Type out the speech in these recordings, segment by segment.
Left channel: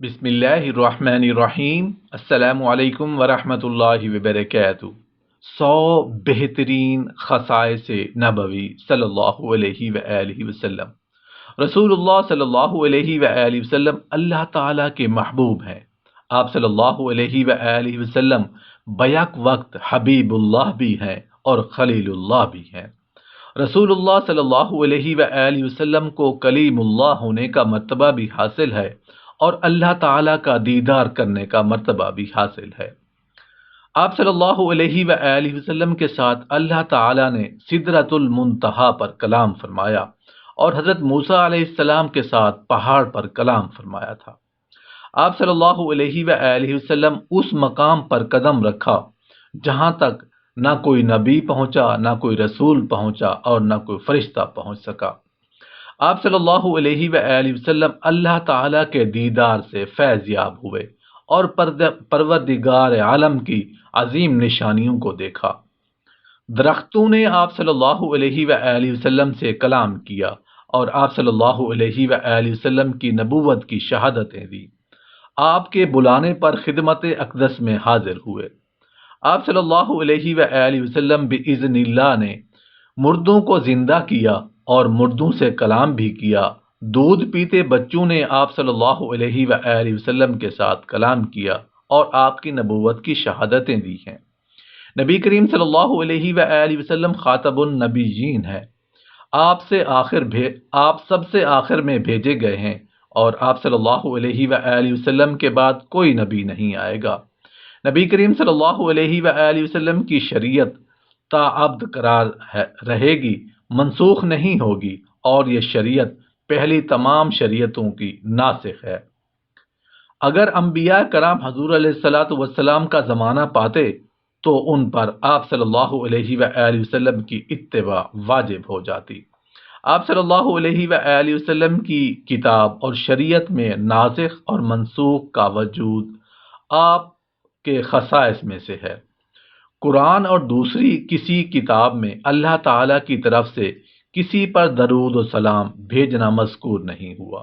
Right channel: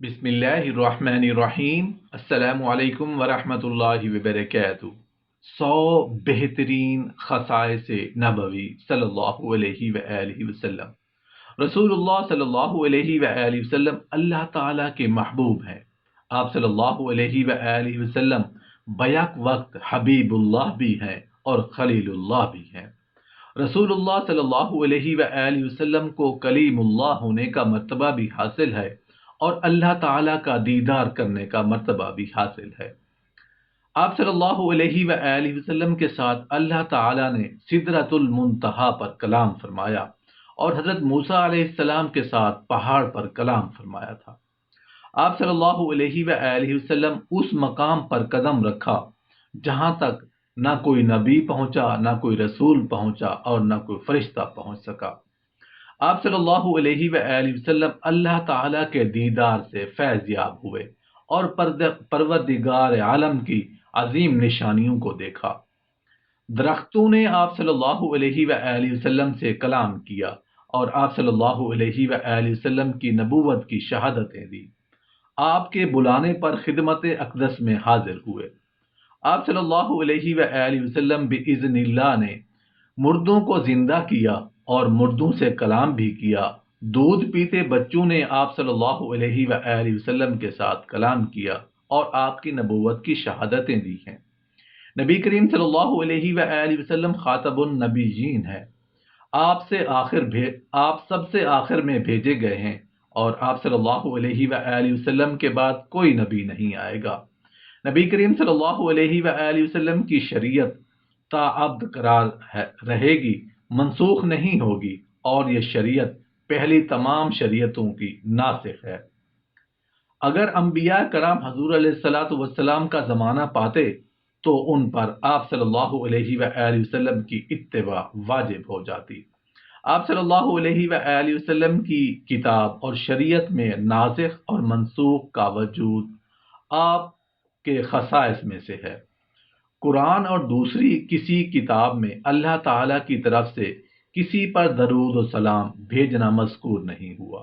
بسم اللہ الرحمن الرحیم۔ السلام علیکم ورحمۃ اللہ وبرکاتہ۔ 100 بہترین خصائص نبوی صلی اللہ علیہ وآلہ وسلم۔ رسول اللہ صلی اللہ علیہ وآلہ وسلم اللہ تعالیٰ کے محبوب ہیں۔ آپ صلی اللہ علیہ وآلہ وسلم بیک وقت حبیب اللہ بھی ہیں اور خلیل اللہ بھی ہیں۔ رسول اللہ صلی اللہ علیہ وآلہ وسلم کو کلیم اللہ ہونے کا مرتبہ بھی حاصل ہے اور اللہ تعالیٰ کا دیدار کرنے کا مرتبہ بھی حاصل ہے۔ آپ صلی اللہ علیہ وآلہ وسلم کے ساتھ اللہ تعالیٰ نے سدرۃ المنتہا پر کلام فرمایا اور حضرت موسیٰ علیہ السلام کے ساتھ پہاڑ پر کلام فرمایا تھا۔ آپ صلی اللہ علیہ وآلہ وسلم اس مقام پر قدم رکھا جہاں تک نہ کوئی نبی پہنچا، نہ کوئی رسول پہنچا اور نہ کوئی فرشتہ پہنچ سکا۔ آپ صلی اللہ علیہ وآلہ وسلم اللہ تعالیٰ کے دیدار سے فیض یاب ہوئے اور پروردگار عالم کی عظیم نشانیوں کو دیکھا۔ درختوں نے آپ صلی اللہ علیہ وآلہ وسلم سے کلام کیا اور آپ صلی اللہ علیہ وآلہ وسلم کی نبوت کی شہادتیں دی۔ آپ کے بلانے پر خدمت اقدس میں حاضر ہوئے۔ آپ صلی اللہ علیہ وآلہ وسلم بإذن اللہ نے مردوں کو زندہ کیا اور مردوں سے کلام بھی کیا۔ دودھ پیتے بچوں نے آپ صلی اللہ علیہ وآلہ وسلم کے ساتھ کلام کیا اور آپ کی نبوت کی شہادتیں دی ہیں۔ نبی کریم صلی اللہ علیہ وآلہ وسلم خاتم النبیین ہیں۔ آپ سب سے آخر میں بھیجے گئے ہیں اور آپ صلی اللہ علیہ وآلہ وسلم کے بعد کوئی نبی نہیں آئے گا۔ نبی کریم صلی اللہ علیہ وآلہ وسلم کی شریعت تا ابد قرار رہے گی، منسوخ نہیں ہوگی، اور یہ شریعت پہلی تمام شریعتوں کی ناسخ ہے۔ اگر انبیاء کرام حضور علیہ الصلاۃ والسلام کا زمانہ پاتے تو ان پر آپ صلی اللہ علیہ وآلہ وسلم کی اتباع واجب ہو جاتی۔ آپ صلی اللہ علیہ وآلہ وسلم کی کتاب اور شریعت میں ناسخ اور منسوخ کا وجود آپ کے خصائص میں سے ہے۔ قرآن اور دوسری کسی کتاب میں اللہ تعالیٰ کی طرف سے کسی پر درود و سلام بھیجنا مذکور نہیں ہوا،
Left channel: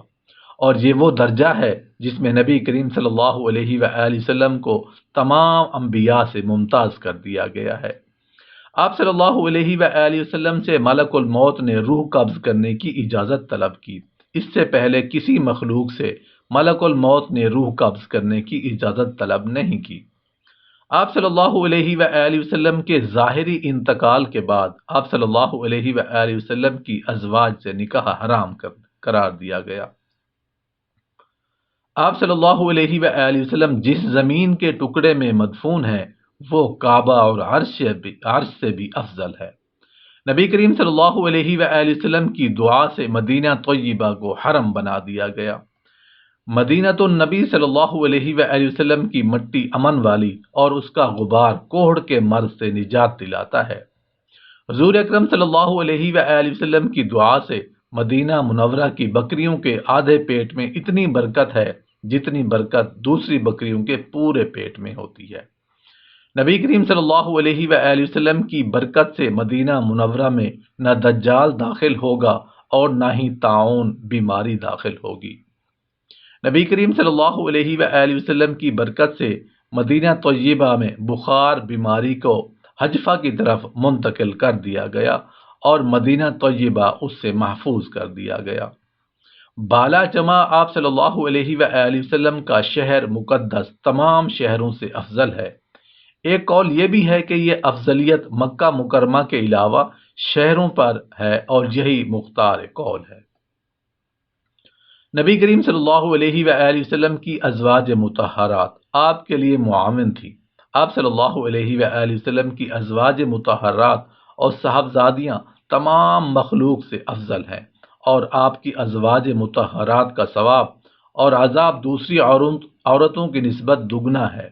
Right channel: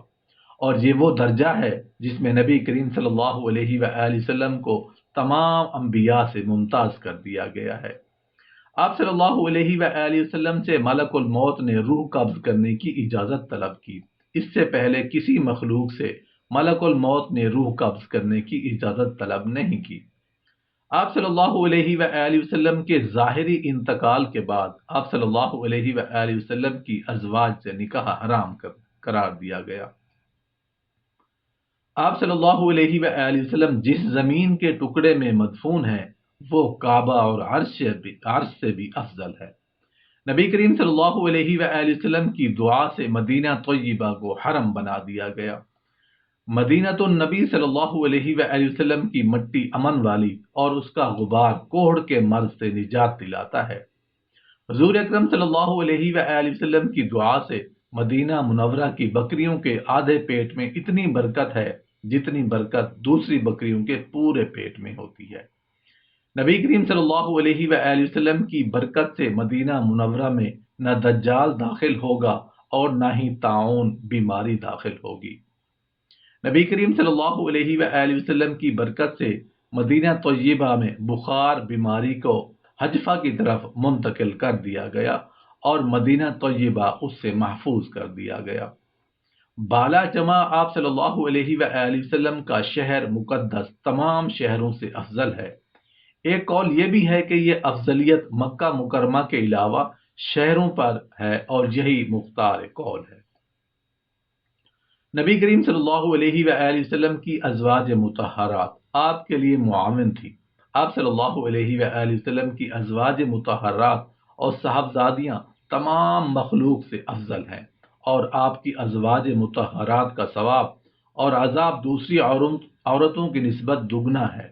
اور یہ وہ درجہ ہے جس میں نبی کریم صلی اللہ علیہ وآلہ وسلم کو تمام انبیاء سے ممتاز کر دیا گیا ہے۔ آپ صلی اللہ علیہ وآلہ وسلم سے ملک الموت نے روح قبض کرنے کی اجازت طلب کی۔ اس سے پہلے کسی مخلوق سے ملک الموت نے روح قبض کرنے کی اجازت طلب نہیں کی۔ آپ صلی اللہ علیہ وآلہ وسلم کے ظاہری انتقال کے بعد آپ صلی اللہ علیہ وآلہ وسلم کی ازواج سے نکاح حرام قرار دیا گیا۔ آپ صلی اللہ علیہ وآلہ وسلم جس زمین کے ٹکڑے میں مدفون ہیں وہ کعبہ اور عرش سے بھی افضل ہے۔ نبی کریم صلی اللہ علیہ وآلہ وسلم کی دعا سے مدینہ طیبہ کو حرم بنا دیا گیا۔ مدینہ النبی صلی اللہ علیہ وآلہ وسلم کی مٹی امن والی اور اس کا غبار کوہڑ کے مرض سے نجات دلاتا ہے۔ حضور اکرم صلی اللہ علیہ وآلہ وسلم کی دعا سے مدینہ منورہ کی بکریوں کے آدھے پیٹ میں اتنی برکت ہے جتنی برکت دوسری بکریوں کے پورے پیٹ میں ہوتی ہے۔ نبی کریم صلی اللہ علیہ وآلہ وسلم کی برکت سے مدینہ منورہ میں نہ دجال داخل ہوگا اور نہ ہی طاعون بیماری داخل ہوگی۔ نبی کریم صلی اللہ علیہ وآلہ وسلم کی برکت سے مدینہ طیبہ میں بخار بیماری کو حجفہ کی طرف منتقل کر دیا گیا اور مدینہ طیبہ اس سے محفوظ کر دیا گیا۔ بالا جمع آپ صلی اللہ علیہ وآلہ وسلم کا شہر مقدس تمام شہروں سے افضل ہے۔ ایک قول یہ بھی ہے کہ یہ افضلیت مکہ مکرمہ کے علاوہ شہروں پر ہے اور یہی مختار قول ہے۔ نبی کریم صلی اللہ علیہ وآلہ وسلم کی ازواج مطہرات آپ کے لیے معاون تھی۔ آپ صلی اللہ علیہ وآلہ وسلم کی ازواج مطہرات اور صاحبزادیاں تمام مخلوق سے افضل ہیں، اور آپ کی ازواج مطہرات کا ثواب اور عذاب دوسری عورتوں کی نسبت دگنا ہے۔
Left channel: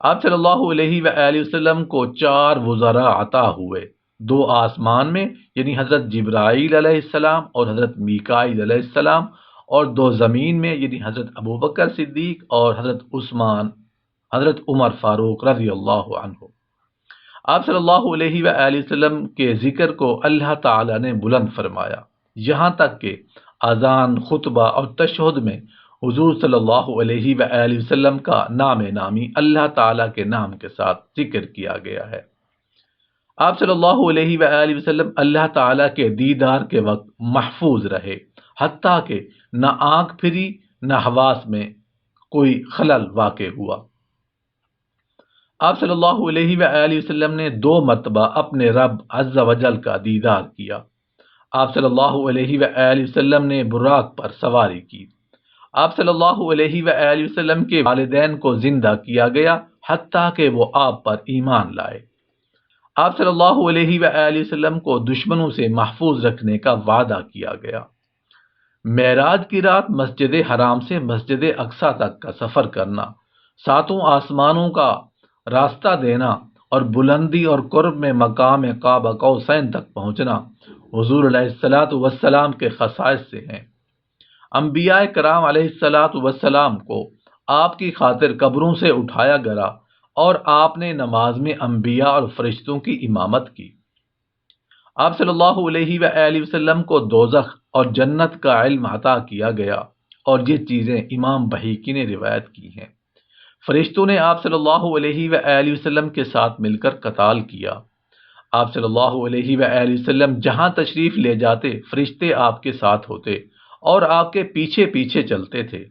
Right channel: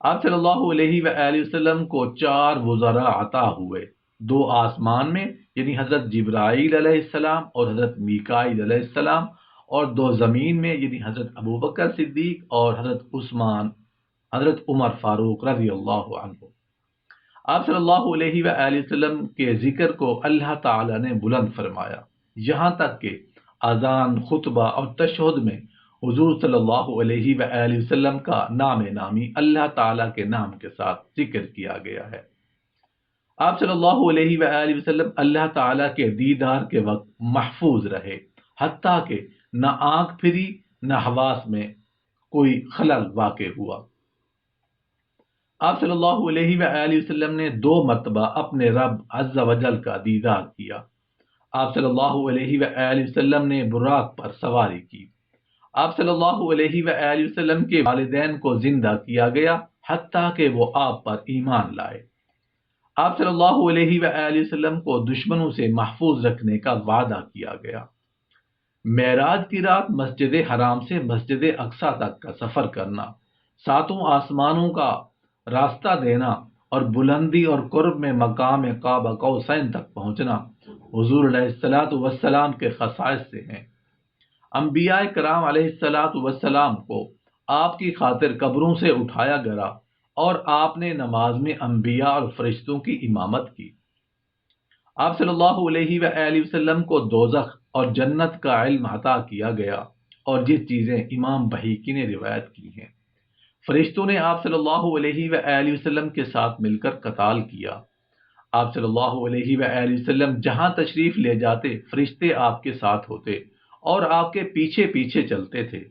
آپ صلی اللہ علیہ وآلہ وسلم کو 4 وزراء عطا ہوئے، 2 آسمان میں یعنی حضرت جبرائیل علیہ السلام اور حضرت میکائیل علیہ السلام، اور 2 زمین میں یعنی حضرت ابوبکر صدیق اور حضرت عمر فاروق رضی اللہ عنہ۔ آپ صلی اللہ علیہ وآلہ وسلم کے ذکر کو اللہ تعالی نے بلند فرمایا، یہاں تک کہ اذان، خطبہ اور تشہد میں حضور صلی اللہ علیہ وآلہ وسلم کا نام نامی اللہ تعالیٰ کے نام کے ساتھ ذکر کیا گیا ہے۔ آپ صلی اللہ علیہ وآلہ وسلم اللہ تعالیٰ کے دیدار کے وقت محفوظ رہے، حتیٰ کہ نہ آنکھ پھری نہ حواس میں کوئی خلل واقع ہوا۔ آپ صلی اللہ علیہ وآلہ وسلم نے 2 مرتبہ اپنے رب عز و جل کا دیدار کیا۔ آپ صلی اللہ علیہ وآلہ وسلم نے براق پر سواری کی۔ آپ صلی اللہ علیہ وآلہ وسلم کے والدین کو زندہ کیا گیا حتیٰ کہ وہ آپ پر ایمان لائے۔ آپ صلی اللہ علیہ وآلہ وسلم کو دشمنوں سے محفوظ رکھنے کا وعدہ کیا گیا۔ معراج کی رات مسجد حرام سے مسجد اقصی تک کا سفر کرنا، 7 آسمانوں کا راستہ دینا اور بلندی اور قرب میں مقام قاب قوسین تک پہنچنا حضور علیہ الصلوۃ والسلام کے خصائص سے ہیں۔ انبیاء کرام علیہ الصلوۃ والسلام کو آپ کی خاطر قبروں سے اٹھایا گیا اور آپ نے نماز میں انبیاء اور فرشتوں کی امامت کی۔ آپ صلی اللہ علیہ وآلہ وسلم کو دوزخ اور جنت کا علم عطا کیا گیا، اور یہ چیزیں امام بہیقی نے روایت کی ہیں۔ فرشتوں نے آپ صلی اللہ علیہ وآلہ وسلم کے ساتھ مل کر قتال کیا۔ آپ صلی اللہ علیہ وآلہ وسلم جہاں تشریف لے جاتے فرشتے آپ کے ساتھ ہوتے اور آپ کے پیچھے پیچھے چلتے تھے۔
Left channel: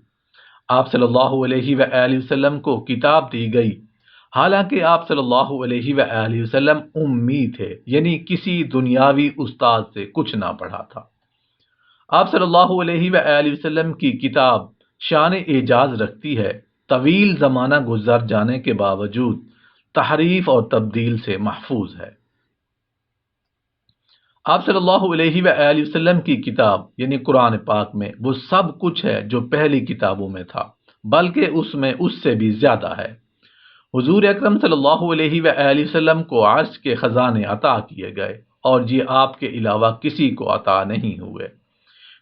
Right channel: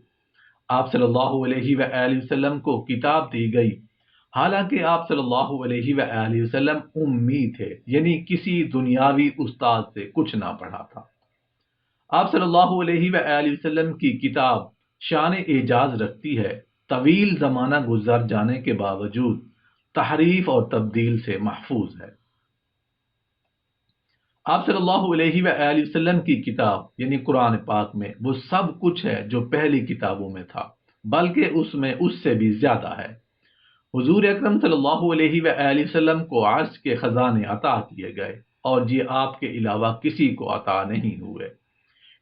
آپ صلی اللہ علیہ وآلہ وسلم کو کتاب دی گئی، حالانکہ آپ صلی اللہ علیہ وآلہ وسلم امی تھے، یعنی کسی دنیاوی استاد سے کچھ نہ پڑھا تھا۔ آپ صلی اللہ علیہ وآلہ وسلم کی کتاب شان اعجاز رکھتی ہے، طویل زمانہ گزر جانے کے باوجود تحریف اور تبدیل سے محفوظ ہے۔ آپ صلی اللہ علیہ وآلہ وسلم کی کتاب یعنی قرآن پاک میں وہ سب کچھ ہے جو پہلی کتابوں میں تھا، بلکہ اس میں اس سے بھی زیادہ ہے۔ حضور اکرم صلی اللہ علیہ وآلہ وسلم کو عرش کے خزانے عطا کیے گئے، اور یہ آپ کے علاوہ کسی کو عطا نہیں ہوئے۔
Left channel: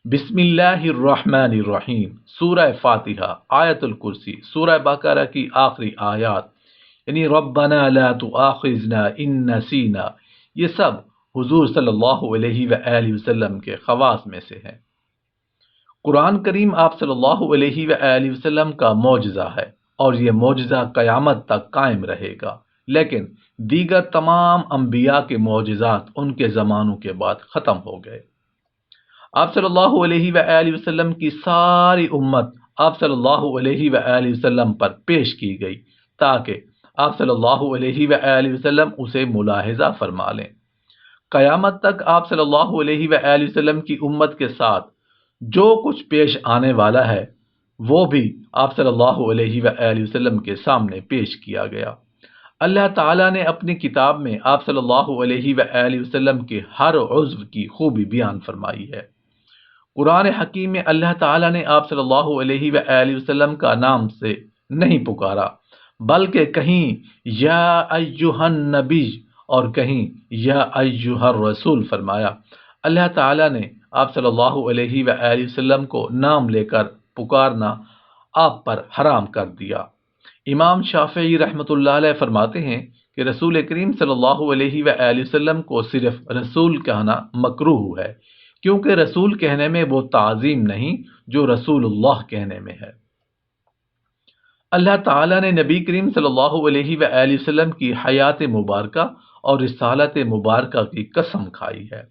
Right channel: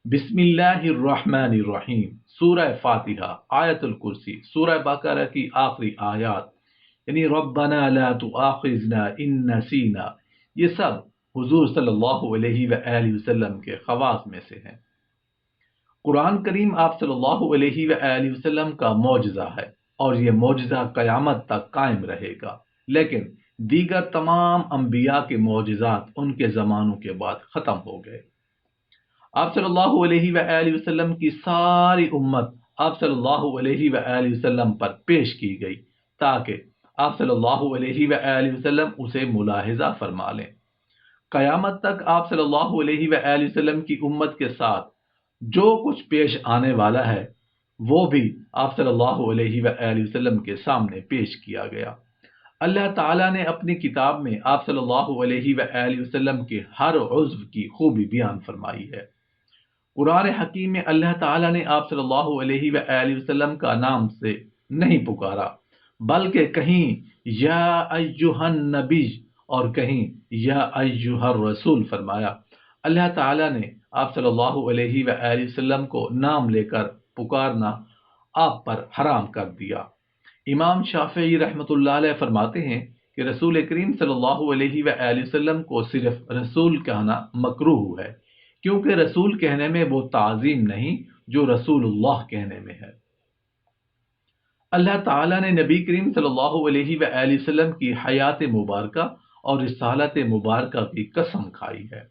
بسم اللہ الرحمن الرحیم، سورہ فاتحہ، آیت الکرسی، سورہ بقرہ کی آخری آیات یعنی ربنا لا تؤاخذنا ان نسینا، یہ سب حضور صلی اللہ علیہ وآلہ وسلم کے خواص میں سے ہیں۔ قرآن کریم آپ صلی اللہ علیہ وآلہ وسلم کا معجزہ ہے، اور یہ معجزہ قیامت تک قائم رہے گا، لیکن دیگر تمام انبیاء کے معجزات ان کے زمانوں کے بعد ختم ہو گئے۔ آپ صلی اللہ علیہ وآلہ وسلم کی ساری امت آپ صلی اللہ علیہ وآلہ وسلم پر پیش کی گئی تاکہ آپ صلی اللہ علیہ وآلہ وسلم اسے ملاحظہ فرما لیں۔ قیامت تک آپ صلی اللہ علیہ وآلہ وسلم کی امت کے ساتھ جو کچھ پیش آنے والا ہے وہ بھی آپ صلی اللہ علیہ وآلہ وسلم کے سامنے پیش کیا گیا۔ اللہ تعالیٰ نے اپنی کتاب میں آپ صلی اللہ علیہ وآلہ وسلم کے ہر عضو کی خوبی بیان فرمائی ہے۔ قرآن حکیم میں اللہ تعالیٰ نے آپ صلی اللہ علیہ وآلہ وسلم کا نام سے نہیں پکارا، بلکہ کہیں یا ایہا النبی اور کہیں یا ایہا الرسول فرمایا۔ اللہ تعالیٰ نے آپ صلی اللہ علیہ وآلہ وسلم کو نام لے کر پکارنا آپ پر حرام کر دیا۔ امام شافعی رحمۃ اللہ علیہ فرماتے ہیں کہ رسول کریم صلی اللہ علیہ وآلہ وسلم کو صرف رسول کہنا مکروہ ہے، کیونکہ رسول کہنے میں وہ تعظیم نہیں جو رسول اللہ کہنے میں ہے۔ اللہ تعالیٰ نے نبی کریم صلی اللہ علیہ وآلہ وسلم کی حیات مبارکہ اور رسالت مبارکہ کی قسم کھائی ہے۔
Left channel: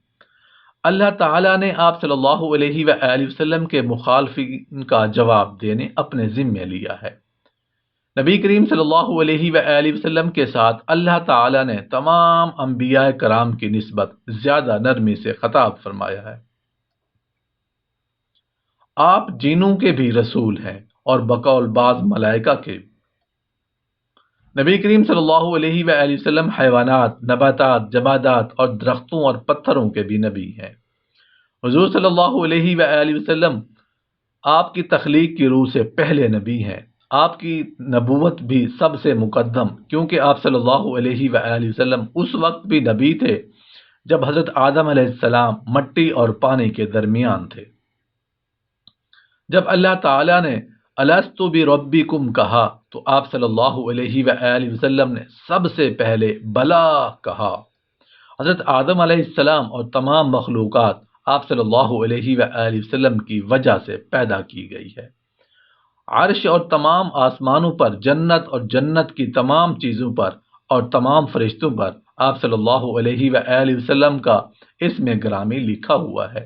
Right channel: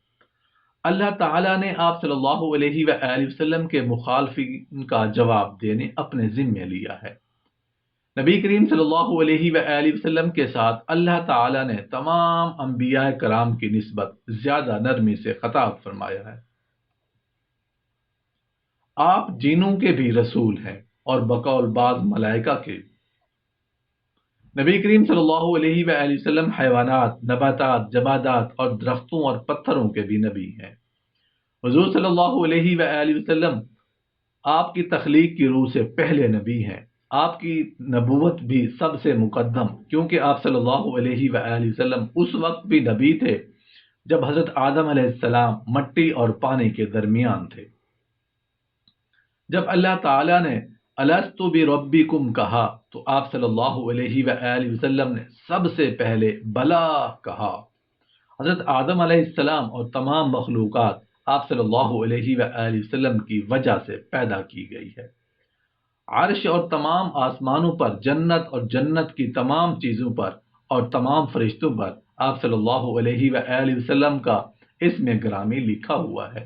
اللہ تعالیٰ نے آپ صلی اللہ علیہ وآلہ وسلم کے مخالفین کا جواب دینے اپنے ذمے لیا ہے۔ نبی کریم صلی اللہ علیہ وآلہ وسلم کے ساتھ اللہ تعالیٰ نے تمام انبیاء کرام کی نسبت زیادہ نرمی سے خطاب فرمایا ہے۔ آپ جنوں کے بھی رسول ہیں اور بقول بعض ملائکہ کے۔ نبی کریم صلی اللہ علیہ وآلہ وسلم حیوانات، نباتات، جمادات اور درختوں اور پتھروں کے بھی نبی ہیں۔ حضور صلی اللہ علیہ وآلہ وسلم آپ کی تخلیق کی روح سے پہلے نبی ہیں۔ آپ کی نبوت بھی سب سے مقدم، کیونکہ آپ صلی اللہ علیہ وآلہ وسلم اس وقت بھی نبی تھے جب حضرت آدم علیہ السلام مٹی اور پانی کے درمیان تھے۔ جب اللہ تعالیٰ نے الستُ بربکم کہا تو آپ صلی اللہ علیہ وآلہ وسلم نے سب سے پہلے بلا کہا۔ حضرت آدم علیہ السلام اور تمام مخلوقات آپ صلی اللہ علیہ وآلہ وسلم کی وجہ سے پیدا کی گئی ہے۔ عرش اور تمام آسمانوں پر، جنت اور جنت کی تمام چیزوں پر اور تمام فرشتوں پر آپ صلی اللہ علیہ وآلہ وسلم کا اسم گرامی لکھا ہوا ہے۔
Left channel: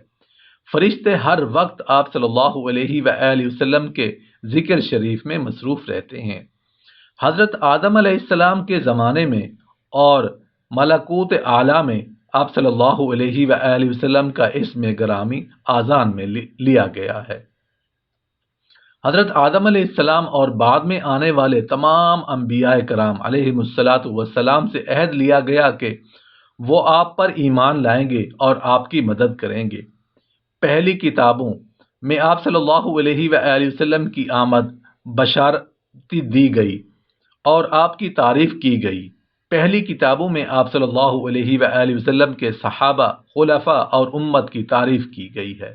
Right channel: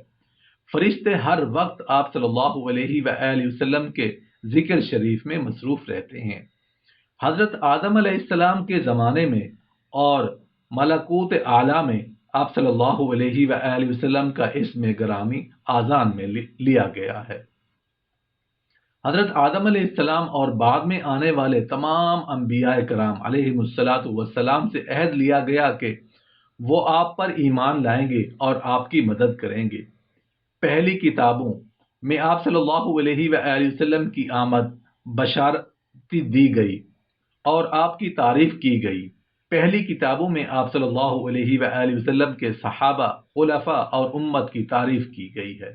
فرشتے ہر وقت آپ صلی اللہ علیہ وآلہ وسلم کے ذکر شریف میں مصروف رہتے ہیں۔ حضرت آدم علیہ السلام کے زمانے میں اور ملکوت اعلیٰ میں آپ صلی اللہ علیہ وآلہ وسلم کا اسم گرامی آذان میں لیا گیا ہے۔ حضرت آدم علیہ السلام اور بعد میں آنے والے تمام انبیاء کرام علیہم الصلاۃ والسلام سے عہد لیا گیا کہ وہ آپ پر ایمان لائیں گے اور آپ کی مدد کریں گے۔ پہلی کتابوں میں آپ صلی اللہ علیہ وآلہ وسلم کی آمد بشارت دی گئی اور آپ کی تعریف کی گئی۔ پہلی کتابوں میں آپ صلی اللہ علیہ وآلہ وسلم کے صحابہ، خلفاء اور امت کی تعریف کی گئی ہے۔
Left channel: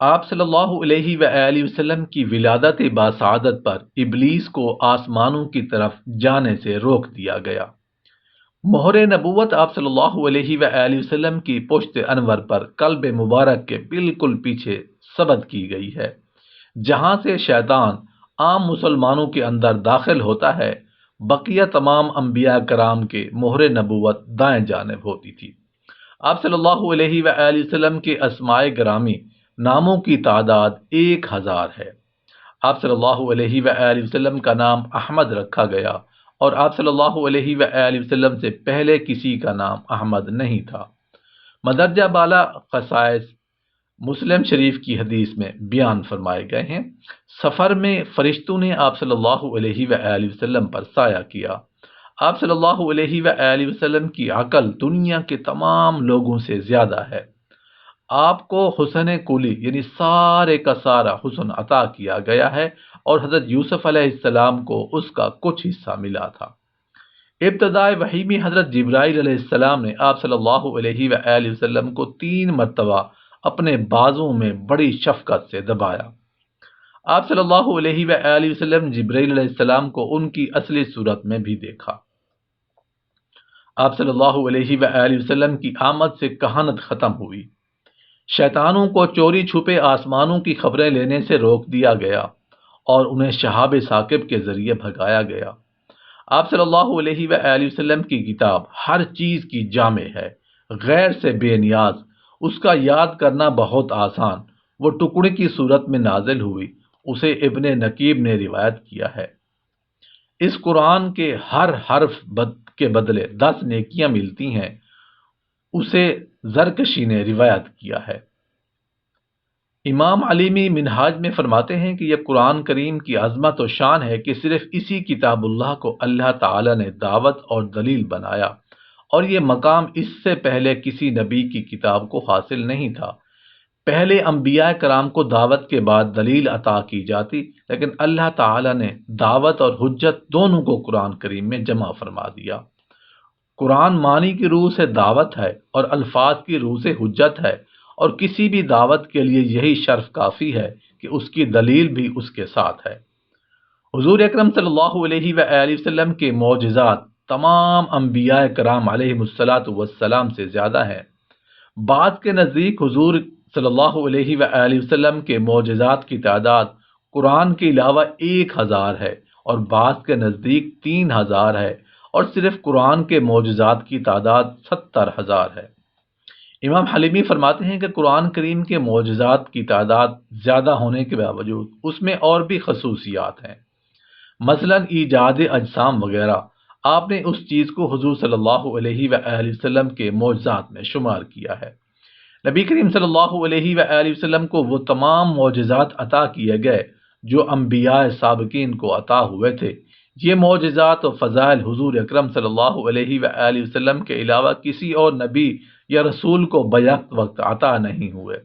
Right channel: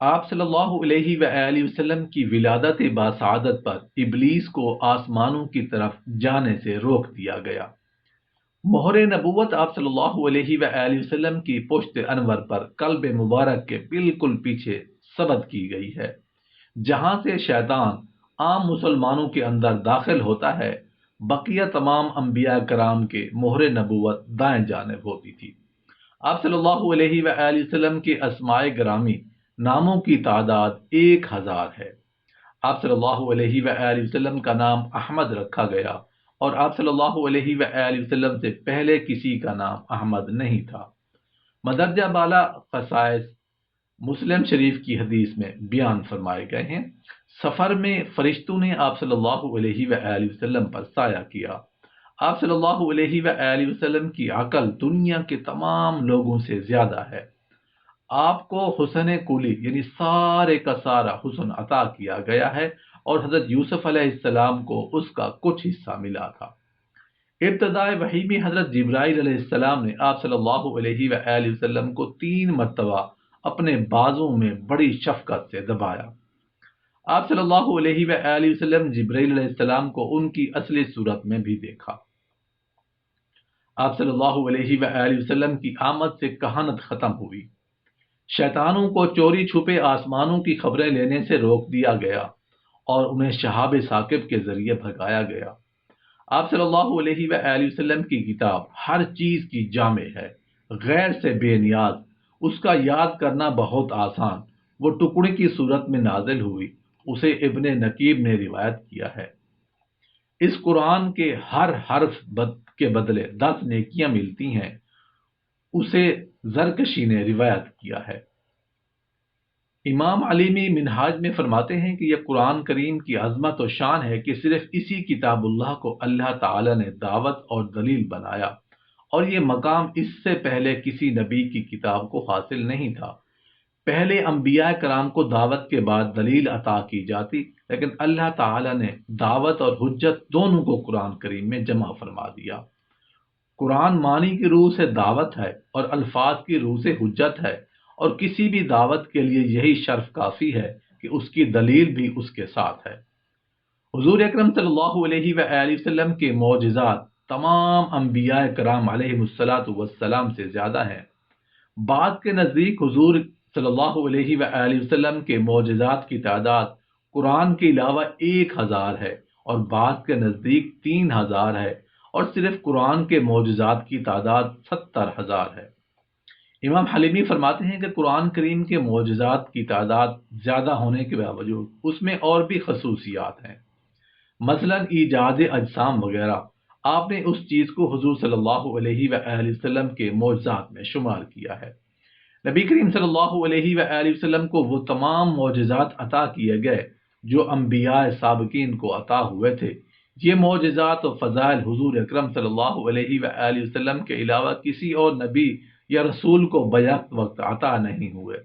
آپ صلی اللہ علیہ وآلہ وسلم کی ولادت باسعادت پر ابلیس کو آسمانوں کی طرف جانے سے روک دیا گیا۔ مہر نبوت آپ صلی اللہ علیہ وآلہ وسلم کی پشت انور پر قلب مبارک کے بالکل پیچھے ثبت کی گئی ہے، جہاں سے شیطان عام مسلمانوں کے اندر داخل ہوتا ہے۔ بقیہ تمام انبیاء کرام کے مہر نبوت دائیں جانب ہوتی تھی۔ آپ صلی اللہ علیہ وآلہ وسلم کے اسماء گرامی ناموں کی تعداد 1000 ہے۔ آپ صلی اللہ علیہ وآلہ وسلم کا نام احمد رکھا گیا اور آپ صلی اللہ علیہ وآلہ وسلم سے پہلے کسی کا نام احمد نہیں تھا۔ مدرجہ بالا خصائص مسلم شریف کی حدیث میں بیان فرمائے گئے ہیں۔ سفر میں فرشتوں نے آپ صلی اللہ علیہ وآلہ وسلم پر سایہ کیا۔ آپ صلی اللہ علیہ وآلہ وسلم کی عقل دنیا کے تمام لوگوں سے زیادہ ہے۔ آپ کو حسن کلی یعنی سارے کا سارا حسن عطا کیا گیا ہے اور حضرت یوسف علیہ السلام کو اس کا کچھ حصہ ملا تھا۔ ابتدائے وحی میں حضرت جبرائیل علیہ السلام نے آپ صلی اللہ علیہ وآلہ وسلم کو 3 مرتبہ اپنے بازوں میں بڑی شفقت سے دبایا۔ آپ صلی اللہ علیہ وآلہ وسلم جبرائیل علیہ السلام کو ان کی اصلی صورت میں بھی دیکھا۔ آپ صلی اللہ علیہ وآلہ وسلم کی آمد سے کہانت ختم ہوئی۔ شیطانوں کو چوری چھپے آسمانوں کی خبریں لینے سے روک دیا گیا اور انہیں شہاب ثاقب کے ذریعے بھگایا گیا۔ آپ صلی اللہ علیہ وآلہ وسلم کی کتاب ہر چیز کی جامع ہے، غیر سے بے نیاز، اس کا یاد کرنا بہت آسان، وہ ٹکڑے کی صورت میں نازل ہوئی، اسے ابن نقیب نے روایت کیا ہے۔ اس قرآن کے ہر حرف کے بدلے 10 نیکیاں ملتی ہیں، اسے زرکشی نے روایت کیا ہے۔ امام علیمی منہاج میں فرماتے ہیں کہ یہ قرآن کریم کی عظمت و شان ہے کہ صرف اسی کتاب اللہ کو اللہ تعالی نے دعوت اور دلیل بنایا، اور یہ مقام اس سے پہلے کسی نبی کی کتاب کو حاصل نہیں تھا۔ پہلے انبیاء کرام کو دعوت کے بعد دلیل عطا کی جاتی، لیکن اللہ تعالی نے دعوت اور حجت دونوں کو قرآن کریم میں جمع فرما دیا۔ قرآن معنی کی روح سے دعوت ہے اور الفاظ کی روح سے حجت ہے، اور کسی بھی دعوت کے لیے یہی شرف کافی ہے کہ اس کی دلیل بھی اس کے ساتھ ہے۔ حضور اکرم صلی اللہ علیہ وآلہ وسلم کے معجزات تمام انبیاء کرام علیہم الصلاۃ والسلام سے زیادہ ہیں۔ بعض کے نزدیک حضور صلی اللہ علیہ وآلہ وسلم کے معجزات کی تعداد قرآن کے علاوہ 1000 ہے، اور بعض کے نزدیک 3000 ہے، اور صرف قرآن کے معجزات کی تعداد 70000 ہے۔ امام حلیمی فرماتے ہیں کہ قرآن کریم کے معجزات کی تعداد زیادہ ہونے کے باوجود اس میں اور بھی خصوصیات ہیں، مثلا ایجاد اجسام وغیرہ۔ آپ نے اس چیز کو حضور صلی اللہ علیہ وآلہ وسلم کے معجزات میں شمار کیا ہے۔ نبی کریم صلی اللہ علیہ وآلہ وسلم کو وہ تمام معجزات عطا کیے گئے جو انبیاء سابقین کو عطا ہوئے تھے۔ یہ معجزات و فضائل حضور اکرم صلی اللہ علیہ وآلہ وسلم کے علاوہ کسی اور نبی یا رسول کو بیک وقت عطا نہیں ہوئے،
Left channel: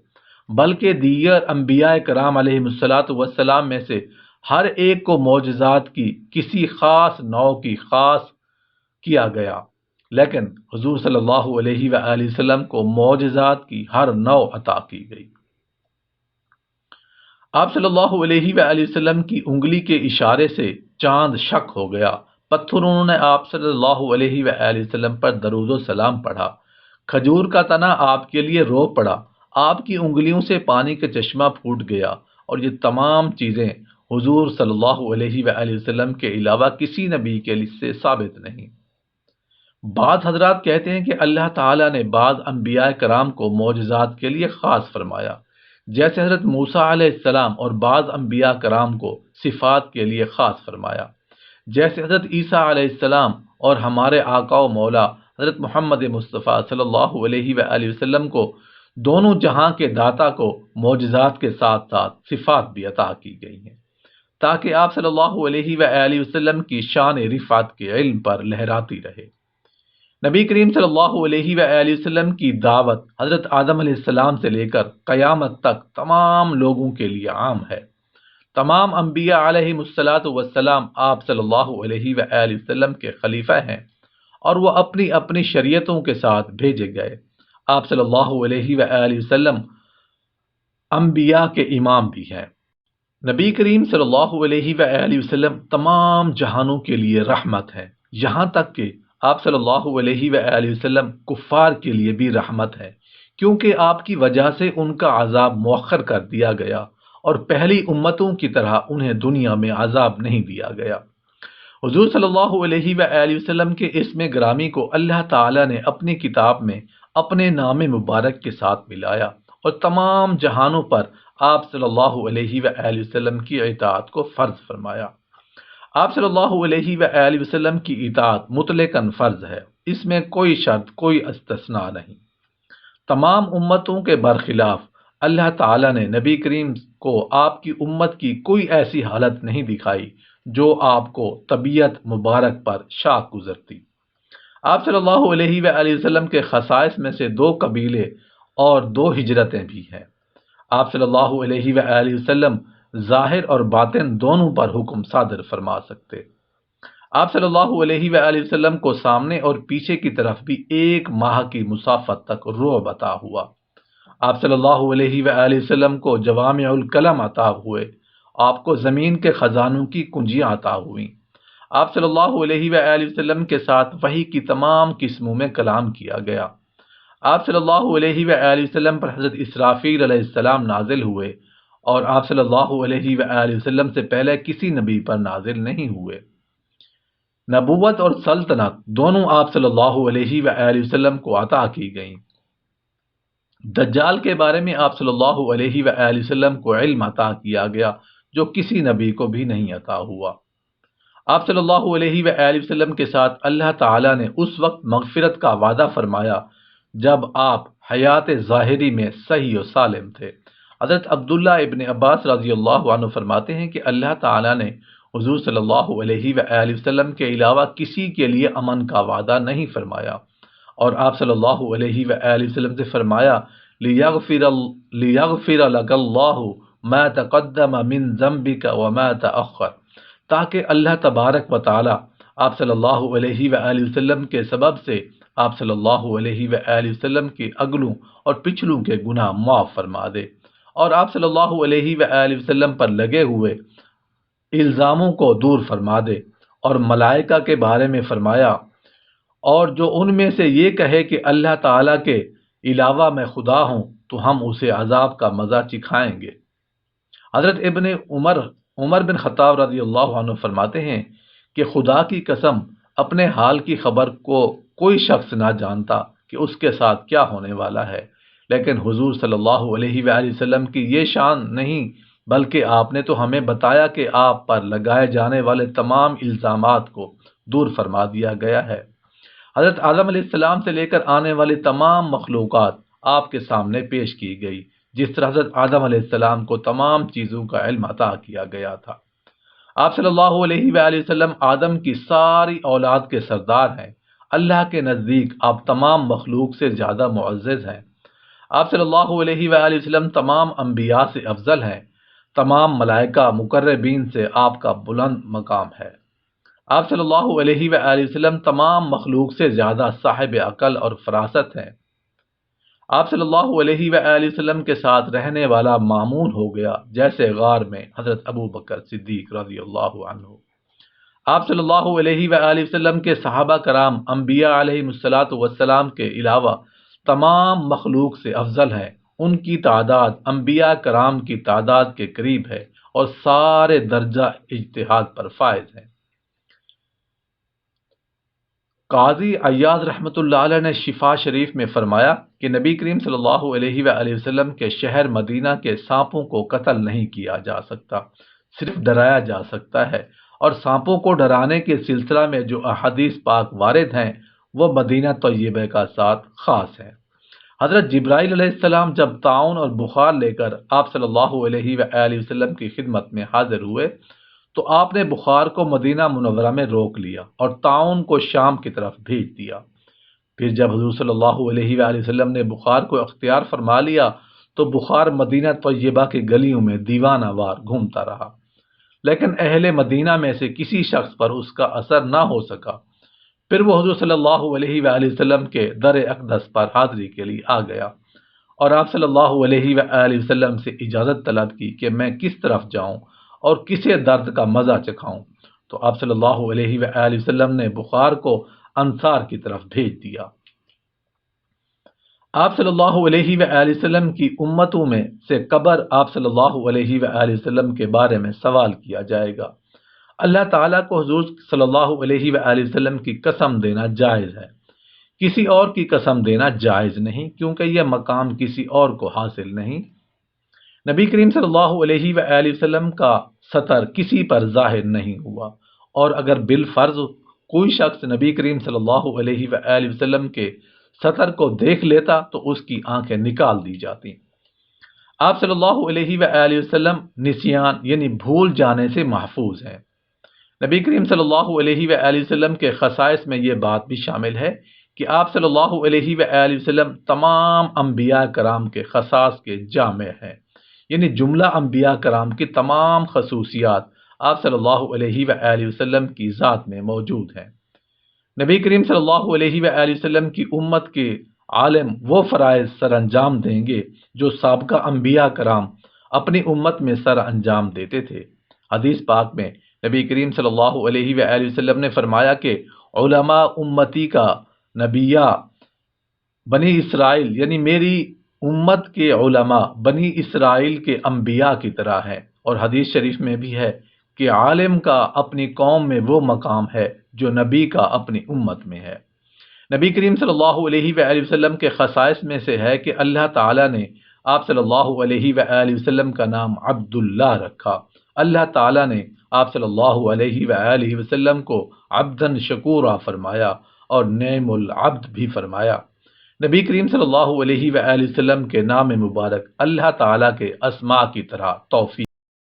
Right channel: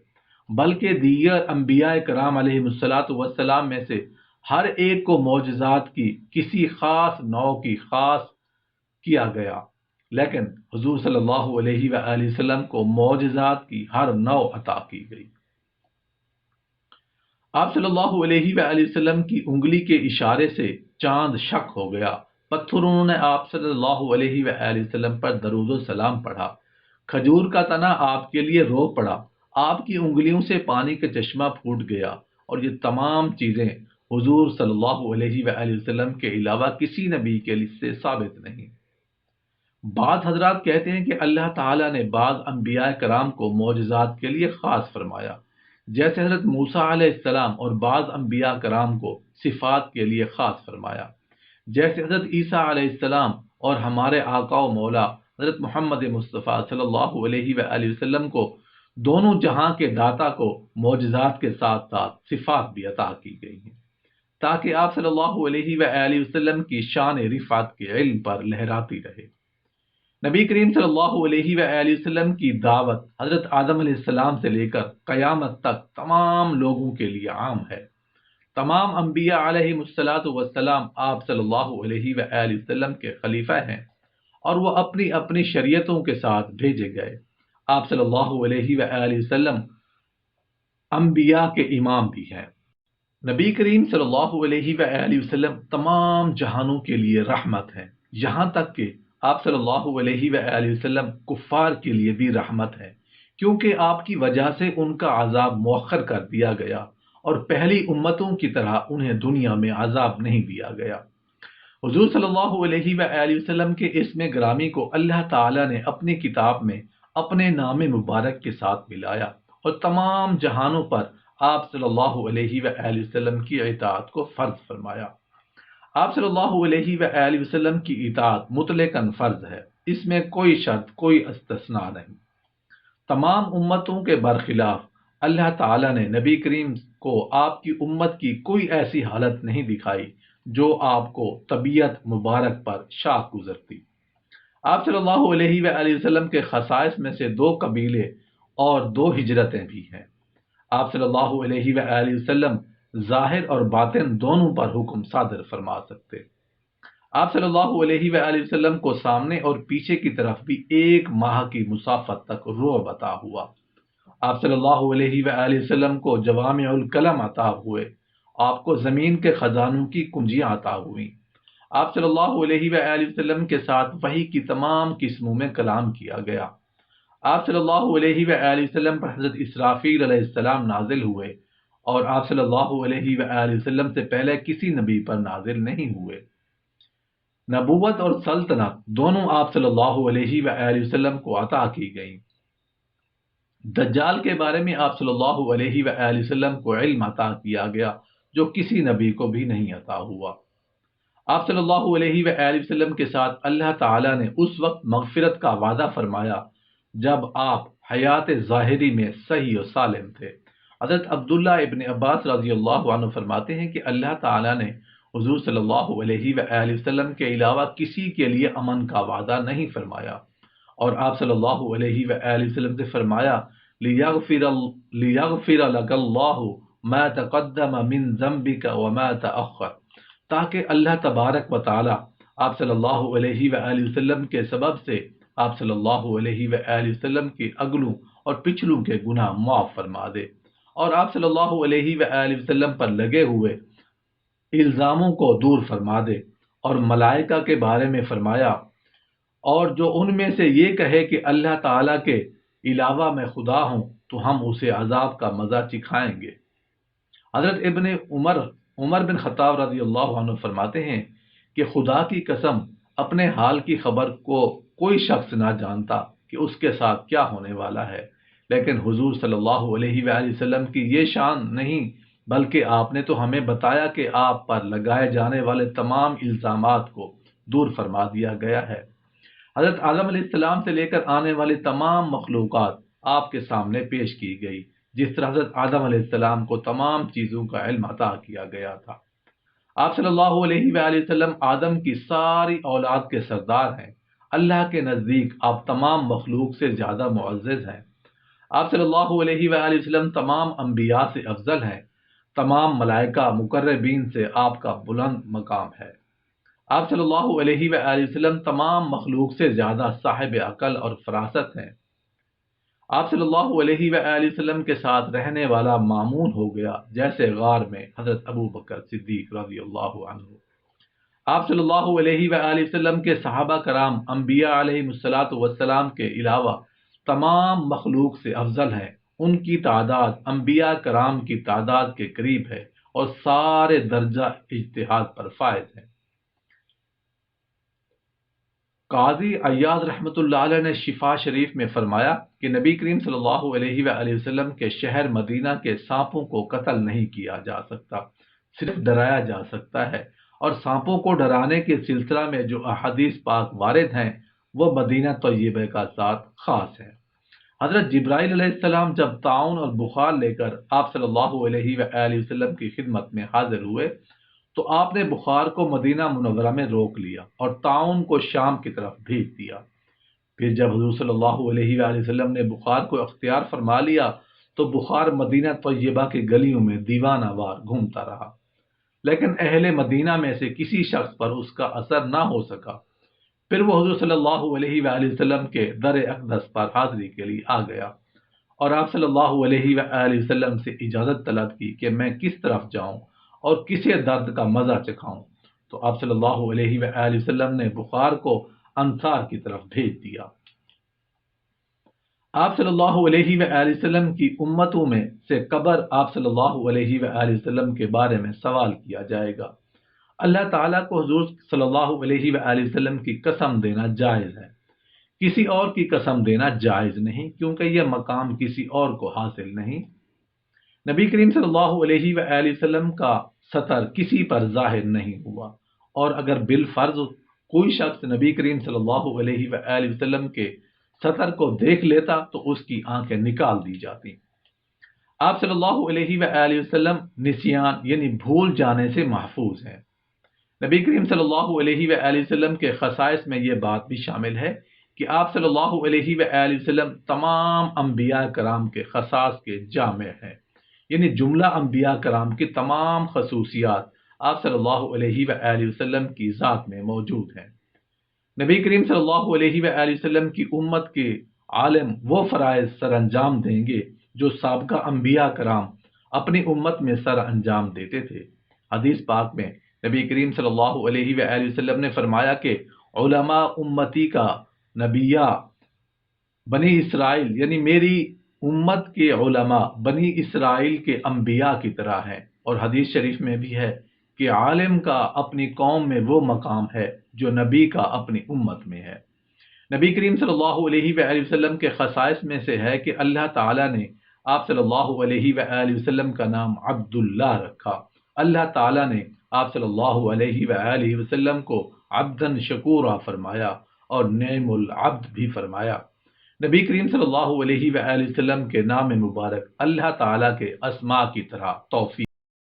بلکہ دیگر انبیاء کرام علیہ الصلاۃ والسلام میں سے ہر ایک کو معجزات کی کسی خاص نوع کی خاص کیا گیا، لیکن حضور صلی اللہ علیہ وآلہ وسلم کو معجزات کی ہر نوع عطا کی گئی۔ آپ صلی اللہ علیہ وآلہ وسلم کی انگلی کے اشارے سے چاند شق ہو گیا، پتھروں نے آپ صلی اللہ علیہ وآلہ وسلم پر درود و سلام پڑھا، کھجور کا تنا آپ کے لیے رو پڑا، آپ کی انگلیوں سے پانی کا چشمہ پھوٹ گیا، اور یہ تمام چیزیں حضور صلی اللہ علیہ وآلہ وسلم کے علاوہ کسی نبی کے لیے سے ثابت نہیں۔ بعض حضرات کہتے ہیں کہ اللہ تعالیٰ نے بعض انبیاء کرام کو معجزات کے لیے خاص فرمایا، جیسے حضرت موسیٰ علیہ السلام، اور بعض انبیاء کرام کو صفات کے لیے خاص فرمایا، جیسے حضرت عیسیٰ علیہ السلام اور ہمارے آقا و مولا حضرت محمد مصطفیٰ صلی اللہ علیہ وآلہ وسلم کو دونوں جہاں کے داتا کو معجزات کے ساتھ ساتھ صفات بھی عطا کی گئی ہیں، تاکہ آپ صلی اللہ علیہ وآلہ وسلم کی شان رفعت کے علم پر لہراتی رہے۔ نبی کریم صلی اللہ علیہ وآلہ وسلم کی دعوت حضرت آدم علیہ السلام سے لے کر قیامت تک تمام لوگوں کے لیے عام ہے۔ تمام انبیاء علیہ السلام آپ صلی اللہ علیہ وآلہ وسلم کے خلیفہ ہیں، اور وہ اپنی اپنی شریعتوں کے ساتھ بھیجے گئے۔ آپ صلی اللہ علیہ وآلہ وسلم انبیاء کے امام بھی ہیں۔ نبی کریم صلی اللہ علیہ وآلہ وسلم تمام جہانوں کے لیے رحمت ہیں، یہاں تک کہ آپ صلی اللہ علیہ وآلہ وسلم کفار کے لیے بھی رحمت ہے، کیونکہ آپ کی وجہ سے ان کا عذاب مؤخر کر دیا گیا، اور پہلی امتوں کی طرح انہیں دنیا میں عذاب نہیں دیا گیا۔ حضور صلی اللہ علیہ وآلہ وسلم کے اسم گرامی کو اللہ تعالیٰ نے اپنی کتاب میں اپنے نام مبارک کے ساتھ ملایا، اور تمام جہانوں پر آپ صلی اللہ علیہ وآلہ وسلم کی اطاعت کو فرض فرمایا۔ آپ صلی اللہ علیہ وآلہ وسلم کی اطاعت مطلقاً فرض ہے، اس میں کوئی شرط، کوئی استثناء نہیں۔ تمام امتوں کے برخلاف اللہ تعالیٰ نے نبی کریم کو آپ کی امت کی کوئی ایسی حالت نہیں دکھائی جو آپ کو طبیعت مبارک پر شاق گزرتی۔ آپ صلی اللہ علیہ وآلہ وسلم کے خصائص میں سے 2 قبیلے اور 2 ہجرتیں بھی ہیں۔ آپ صلی اللہ علیہ وآلہ وسلم ظاہر اور باطن دونوں پر حکم صادر فرما سکتے۔ آپ صلی اللہ علیہ وآلہ وسلم کو سامنے اور پیچھے کی طرف بھی 1 ماہ کی مسافت تک رعب عطا ہوا۔ آپ صلی اللہ علیہ وآلہ وسلم کو جوامع الکلم عطا ہوئے، آپ کو زمین کے خزانوں کی کنجیاں عطا ہوئیں۔ آپ صلی اللہ علیہ وآلہ وسلم کے ساتھ وحی کی تمام قسموں میں کلام کیا گیا۔ آپ صلی اللہ علیہ وآلہ وسلم پر حضرت اسرافیل علیہ السلام نازل ہوئے، اور آپ صلی اللہ علیہ وآلہ وسلم سے پہلے کسی نبی پر نازل نہیں ہوئے۔ نبوت اور سلطنت دونوں آپ صلی اللہ علیہ وآلہ وسلم کو عطا کی گئیں۔ دجال کے بارے میں آپ صلی اللہ علیہ وآلہ وسلم کو علم عطا کیا گیا جو کسی نبی کو بھی نہیں عطا ہوا۔ آپ صلی اللہ علیہ وآلہ وسلم کے ساتھ اللہ تعالیٰ نے اس وقت مغفرت کا وعدہ فرمایا جب آپ حیات ظاہری میں صحیح و سالم تھے۔ حضرت عبداللہ ابن عباس رضی اللہ عنہ فرماتے ہیں کہ اللہ تعالیٰ نے حضور صلی اللہ علیہ وآلہ وسلم کے علاوہ کسی کے لیے امن کا وعدہ نہیں فرمایا، اور آپ صلی اللہ علیہ وآلہ وسلم سے فرمایا لِيَغْفِرَ لَكَ اللَّهُ مَا تَقَدَّمَ مِن ذَنبِكَ وَمَا تَأَخَّرَ، تاکہ اللہ تبارک و تعالی آپ صلی اللہ علیہ وآلہ وسلم کے سبب سے آپ صلی اللہ علیہ وآلہ وسلم کی اگلوں اور پچھلوں کے گناہ معاف فرما دے، اور آپ صلی اللہ علیہ وآلہ وسلم پر لگے ہوئے الزاموں کو دور فرما دے۔ اور ملائکہ کے بارے میں فرمایا، اور جو ان میں سے یہ کہے کہ اللہ تعالیٰ کے علاوہ میں خدا ہوں تو ہم اسے عذاب کا مزہ چکھائیں گے۔ حضرت ابن عمر بن خطاب رضی اللہ عنہ فرماتے ہیں کہ خدا کی قسم اپنے حال کی خبر کو کوئی شخص نہ جانتا کہ اس کے ساتھ کیا ہونے والا ہے، لیکن حضور صلی اللہ علیہ وآلہ وسلم کی یہ شان نہیں، بلکہ آپ نے تو ہمیں بتایا کہ آپ پر لگائے جانے والے تمام الزامات کو دور فرما دیا گیا ہے۔ حضرت آدم علیہ السلام سے لے کر آنے والی تمام مخلوقات آپ کے سامنے پیش کی گئی، جس طرح حضرت آدم علیہ السلام کو تمام چیزوں کا علم عطا کیا گیا تھا۔ آپ صلی اللہ علیہ وآلہ وسلم آدم کی ساری اولاد کے سردار ہیں۔ اللہ کے نزدیک آپ تمام مخلوق سے زیادہ معزز ہیں۔ آپ صلی اللہ علیہ وآلہ وسلم تمام انبیاء سے افضل ہیں۔ تمام ملائکہ مقربین سے آپ کا بلند مقام ہے۔ آپ صلی اللہ علیہ وآلہ وسلم تمام مخلوق سے زیادہ صاحب عقل اور فراست ہیں۔ آپ صلی اللہ علیہ وآلہ وسلم کے ساتھ رہنے والا مامون ہو گیا جیسے غار میں حضرت ابو بکر صدیق رضی اللہ عنہ۔ آپ صلی اللہ علیہ وآلہ وسلم کے صحابہ کرام انبیاء علیہ السلام کے علاوہ تمام مخلوق سے افضل ہیں۔ ان کی تعداد انبیاء کرام کی تعداد کے قریب ہے، اور سارے درجہ اجتہاد پر فائز ہیں۔ قاضی عیاض رحمۃ اللہ علیہ نے شفا شریف میں فرمایا کہ نبی کریم صلی اللہ علیہ وآلہ وسلم کے شہر مدینہ کے سانپوں کو قتل نہیں کیا جا سکتا، صرف ڈرایا جا سکتا ہے، اور سانپوں کو ڈرانے کے سلسلہ میں جو احادیث پاک وارد ہیں وہ مدینہ طیبہ کا ساتھ خاص ہے۔ حضرت جبرائیل علیہ السلام جب طاعون اور بخار لے کر آپ صلی اللہ علیہ وآلہ وسلم کی خدمت میں حاضر ہوئے تو آپ نے بخار کو مدینہ منورہ میں روک لیا اور طاعون کو شام کی طرف بھیج دیا۔ پھر جب حضور صلی اللہ علیہ وآلہ وسلم نے بخار کو اختیار فرما لیا تو بخار مدینہ طیبہ کی گلیوں میں دیوانہ وار گھومتا رہا، لیکن اہل مدینہ میں سے کسی شخص پر اس کا اثر نہ ہو سکا۔ پھر وہ حضور صلی اللہ علیہ وآلہ وسلم کے در اقدس پر حاضری کے لیے آ گیا اور آپ صلی اللہ علیہ وآلہ وسلم سے اجازت طلب کی کہ میں کس طرف جاؤں اور کسے درد کا مزہ چکھاؤں، تو آپ صلی اللہ علیہ وآلہ وسلم نے بخار کو انصار کی طرف بھیج دیا۔ آپ صلی اللہ علیہ وآلہ وسلم کی امتوں میں سے قبر آپ صلی اللہ علیہ وآلہ وسلم کے بارے میں سوال کیا جائے گا۔ اللہ تعالیٰ کو حضور صلی اللہ علیہ وآلہ وسلم کی قسم دینا جائز ہے، کسی اور کی قسم دینا جائز نہیں، کیونکہ یہ مقام کسی اور کو حاصل نہیں۔ نبی کریم صلی اللہ علیہ وآلہ وسلم کا سطر کسی پر ظاہر نہیں ہوا، اور اگر بالفرض کوئی شخص نبی کریم صلی اللہ علیہ وآلہ وسلم کے سطر کو دیکھ لیتا تو اس کی آنکھیں نکال دی جاتی۔ آپ صلی اللہ علیہ وآلہ وسلم نسیان یعنی بھول جانے سے محفوظ ہیں۔ نبی کریم صلی اللہ علیہ وآلہ وسلم کے خصائص میں یہ بات بھی شامل ہے کہ آپ صلی اللہ علیہ وآلہ وسلم تمام انبیاء کرام کے خصائص کے جامع ہیں، یعنی جملہ انبیاء کرام کی تمام خصوصیات آپ صلی اللہ علیہ وآلہ وسلم کی ذات میں موجود ہیں۔ نبی کریم صلی اللہ علیہ وآلہ وسلم کی امت کے عالم وہ فرائض سر انجام دیں گے جو سابقہ انبیاء کرام اپنی امت میں سر انجام دیتے تھے۔ حدیث پاک میں نبی کریم صلی اللہ علیہ وآلہ وسلم نے فرمایا کہ علماء امتی کا نبیہ بنی اسرائیل یعنی میری امت کے علماء بنی اسرائیل کے انبیاء کی طرح ہیں، اور حدیث شریف میں بھی ہے کہ عالم کا اپنی قوم میں وہ مقام ہے جو نبی کا اپنی امت میں ہے۔ نبی کریم صلی اللہ علیہ وآلہ وسلم کے خصائص میں سے ہے کہ اللہ تعالیٰ نے آپ صلی اللہ علیہ وآلہ وسلم کا نام عبداللہ رکھا۔ اللہ تعالیٰ نے آپ صلی اللہ علیہ وآلہ وسلم کو عبدن شکورا فرمایا اور نعم العبد بھی فرمایا۔ نبی کریم صلی اللہ علیہ وآلہ وسلم کے نام مبارک اللہ تعالیٰ کے اسماء کی طرح توفیق